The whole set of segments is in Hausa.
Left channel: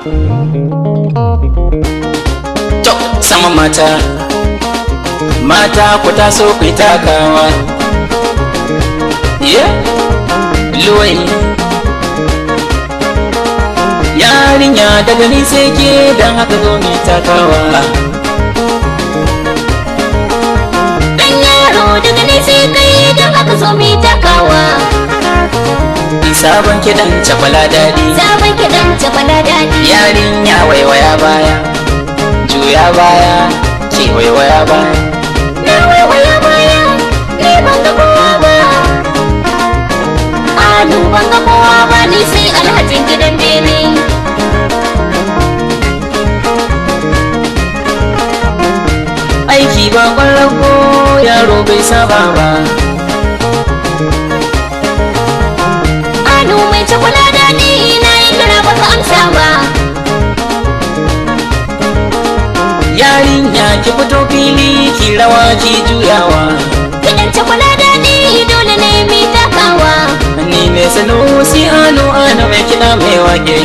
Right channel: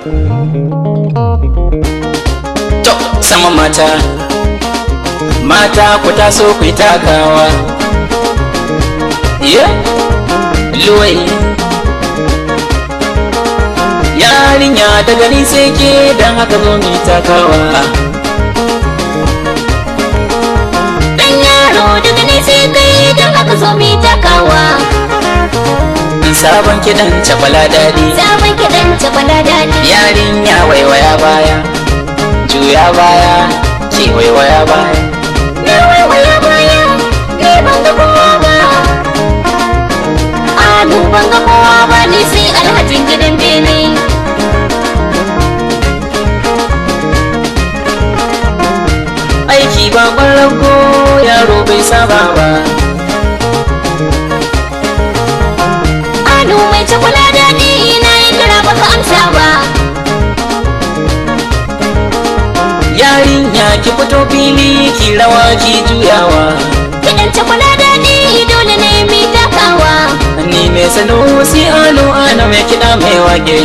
To sama mata ku taso ku takawa. Luwai yarinya daga ni sai ke da aka zo mai takawa. Dan yaro daga ni sai kai da aka zo mai takawa. Sabon kiɗan cakwala daɗi, sabon kiɗan cakwala daɗi. Yarinya waiwaya baya, juya baya, ki waiwaya baya. Na waiwaya baya, ni ban ga kowa ba. A ban ga kowa ba ni sai alhajin gidan bene. Aiki ba ko yaro bai saba ba. Mai cakwala daɗi na yi kira baka amsa ba. Yarinya ki fito fili ki rawa ki juyawa. Kiɗan cakwala daɗi dole ne mai takawa. Ni ne Sanusi alo mai kiɗa mai wake.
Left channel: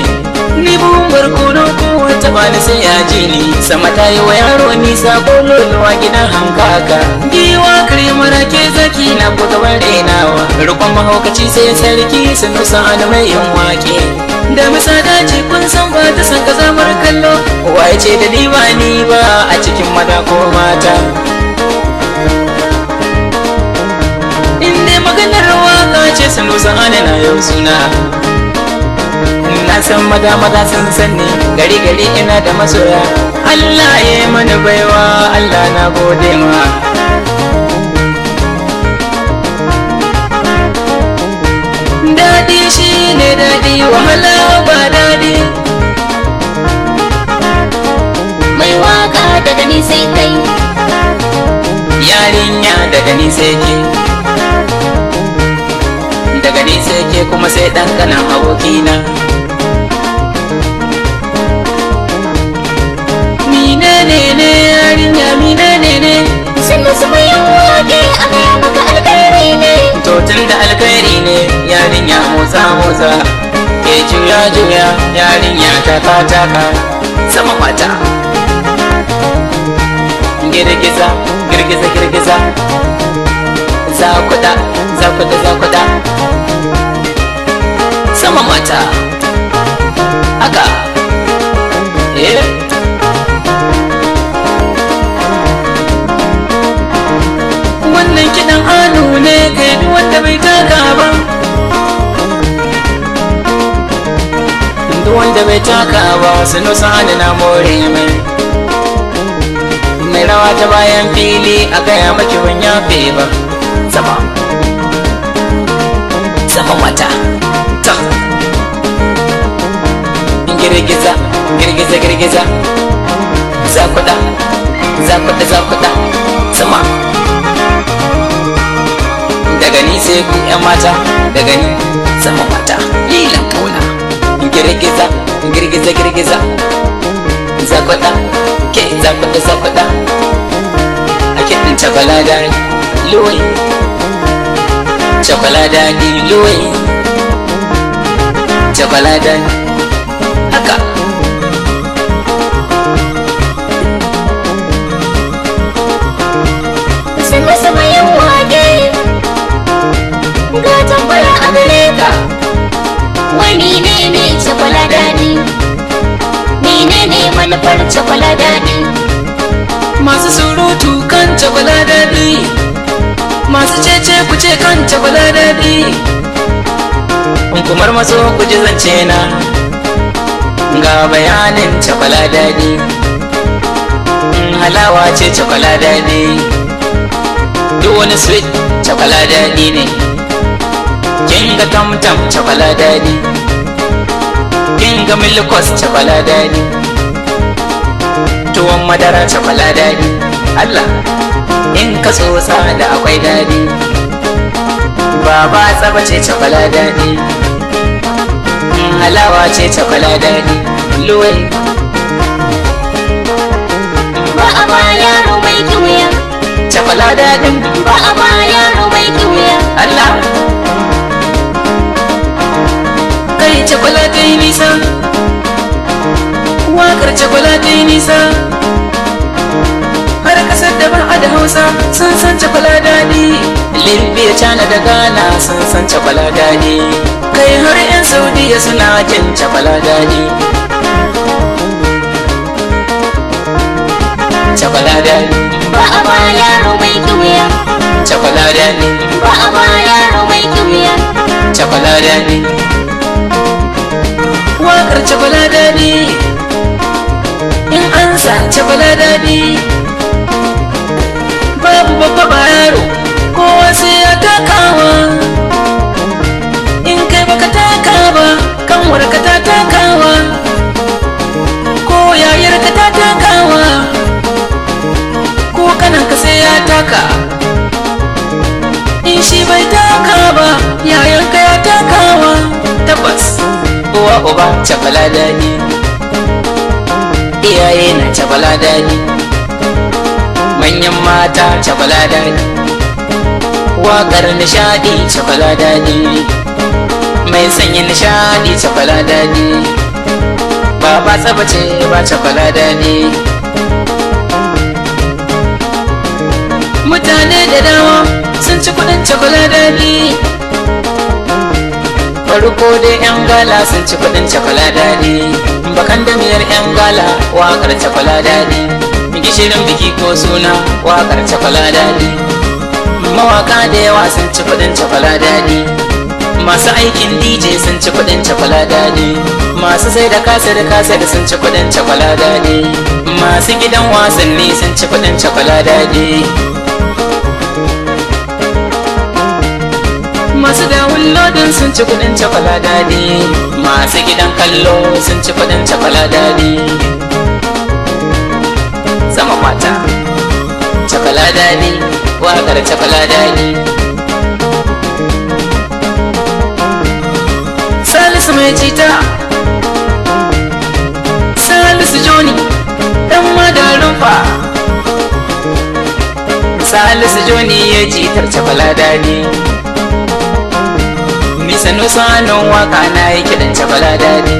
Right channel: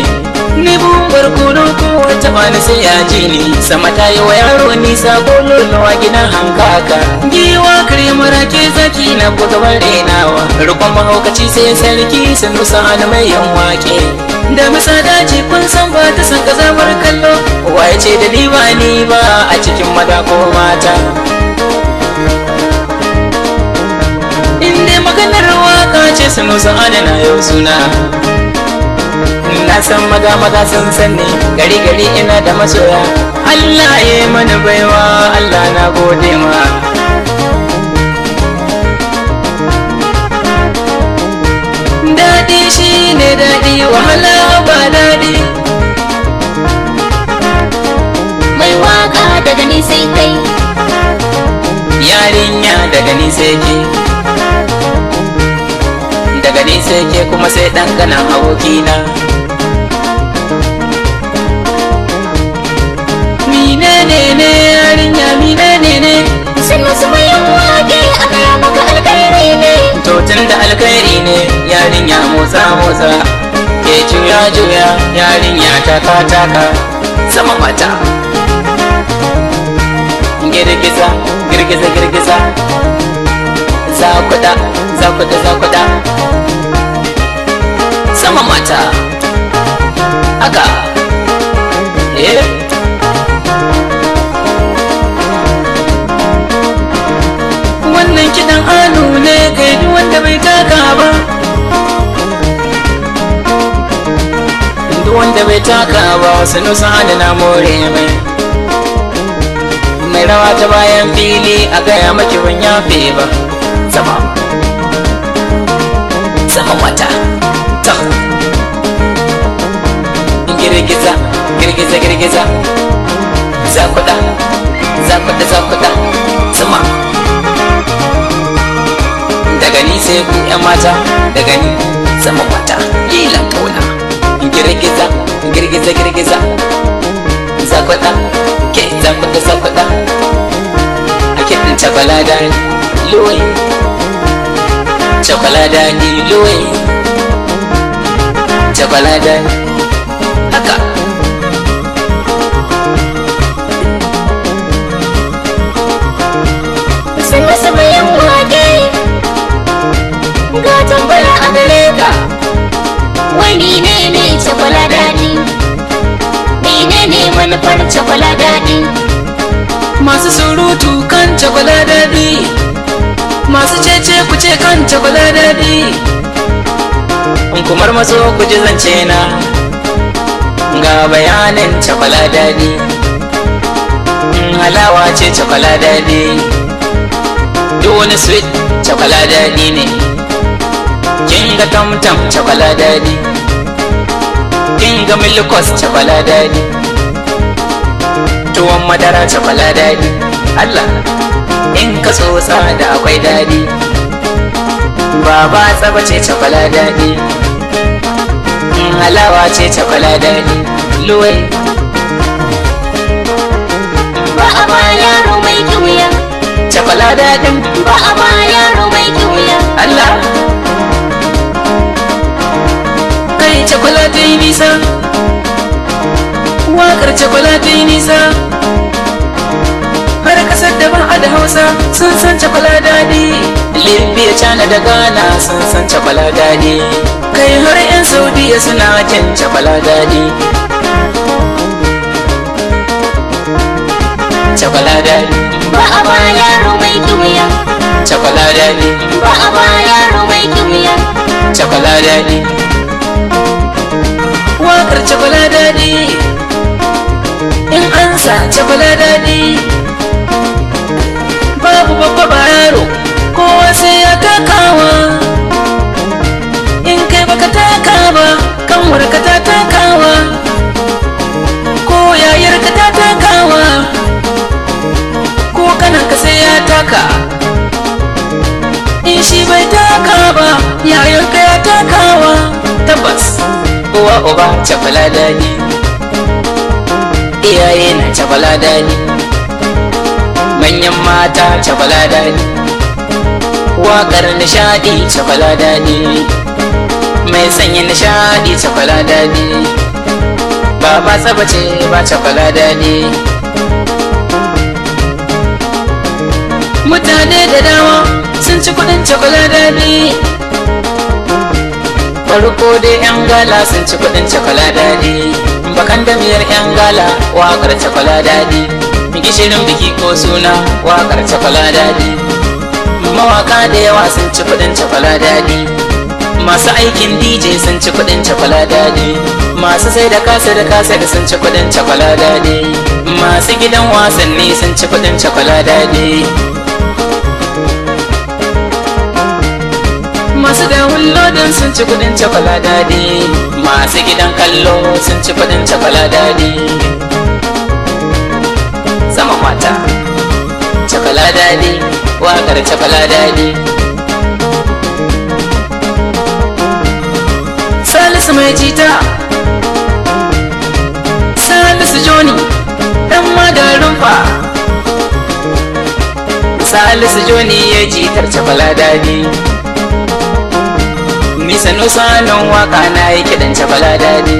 Ni bumbar kono ko ta bani sai ya ji ni. Sama ta yi wa yaro nisa kololuwa gidan hankaka. Giwa kirmar ke zaki na buga renawa. Rukun mahaukaci sai sarki Sanusi alo mai yin wake. Da bisa daji kun san ba ta san gazamar kallo. Waye ce da ni ba a cikin maza ko mata. Inda maganar waka ce Sanusi alo na yau suna. Na san maza sun sanni gari ina da masoya. Allah ya yi mana baiwa, Allah na gode ma. Daɗi shi ne daɗi, wahala ba daɗi. Mai waka daga ni sai kai, yarinya daga ni sai ke, daga ni sai ke kuma sai ɗan ganin abokina. Motsa ke juya yarinya taka sama mata. Girgiza zakuda sama mata. Aka wannan kiɗan hannu ne ga wanda bai taka ba. Bai taka ba Sanusi alo na more mai. Ni rawa ta bayan fili a gaya maki ban yafe ba. Sama mata ta girgiza zakuda sama. Daga ni sai ku yan mata, daga ni sama mata lila kauna. Girgiza zakuda ke zakuda ake da cakwala luwai cakwala luwai cakwala haka. sai masa mai yin wage. Ga tambaya a gare ka, wani ne cakwala daɗi? Menene manufar cakwala daɗi? Masu surutu kan cakwala daɗi, masu cece ku ce kan cakwala daɗi. Kumar maso ku ji zance na ga bayanin cakwala daɗi. Halawa ce cakwala daɗi, duk wani sweet cakwala daɗi ne. Kin ga tamtam cakwala daɗi, kin ga milkos cakwala daɗi, tuwon madara cakwala daɗi. Allah in ka so da akwai daɗi. Baba tsaba ce cakwala daɗi, halawa ce cakwala daɗi. Luwai Ba a ba yaro mai kiwiya, cakwala daɗi. ba a ba yaro mai kiwiya. Allah kai cakwala ta yi nisa. China da Ghana sun san cakwala daɗi, kai har 'yan Saudiya suna jin cakwala daɗi. Cakwala daɗi ba a ba yaro mai kiwiya, cakwala daɗi ba a ba yaro mai kiwiya. cakwala daɗi. Waƙar cakwala daɗi in an sa cakwala daɗi, babu babba ba yaro kowa sai ya takawa. In kai baka taka ba kanwar ka ta takawa, ko yayar ka ta takawa, ko kanan ka sai ya taka. In shi bai taka ba yayar ka takawa. Tabbas uwa uba cakwala daɗi, iyaye na cakwala daɗi, manyan mata cakwala daɗi, waƙar nishaɗi cakwala daɗi, mai sanyi nishaɗi cakwala daɗi, ba ba tsabace ba cakwala daɗi. Mutane da dama sun ci kuɗin cakwala daɗi, farko dai 'yan gala sun ci kuɗin cakwala daɗi, bakan damiyar 'yan gala waƙar cakwala daɗi, gishirin biki ko suna waƙar cakwala daɗi, mawaka da yawa sun ci kuɗin cakwala daɗi, masu aikin DJ sun ci kuɗin cakwala daɗi, masu sai da kasar sun ci kuɗin cakwala daɗi, masu gidan wasanni sun ci kuɗin cakwala daɗi, masu da hulodin sun ci kuɗin cakwala daɗi, masu gidan kallo sun ci kuɗin cakwala daɗi. Sama mata cakwala daɗi, waƙar cakwala daɗi. Salisu mai cita, Salisu Joni ɗan madarin fa, Salisu Joni ya jitar cakwala daɗi. Sanu sanin waka na yi kiɗan cakwala daɗi,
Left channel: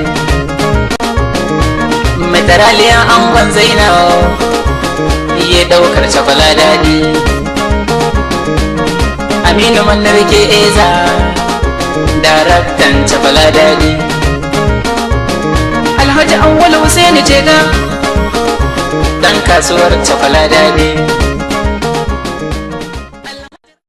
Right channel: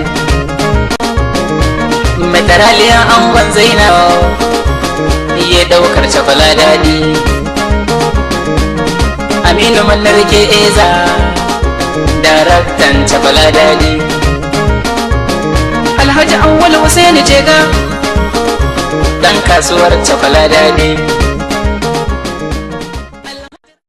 Madaraliya angon Zainab ya ɗaukar cakwala daɗi, Aminu Mallar ke Eza daraktan cakwala daɗi, Alhaji Awwal Hussein Jega ɗan kasuwar cakwala daɗi.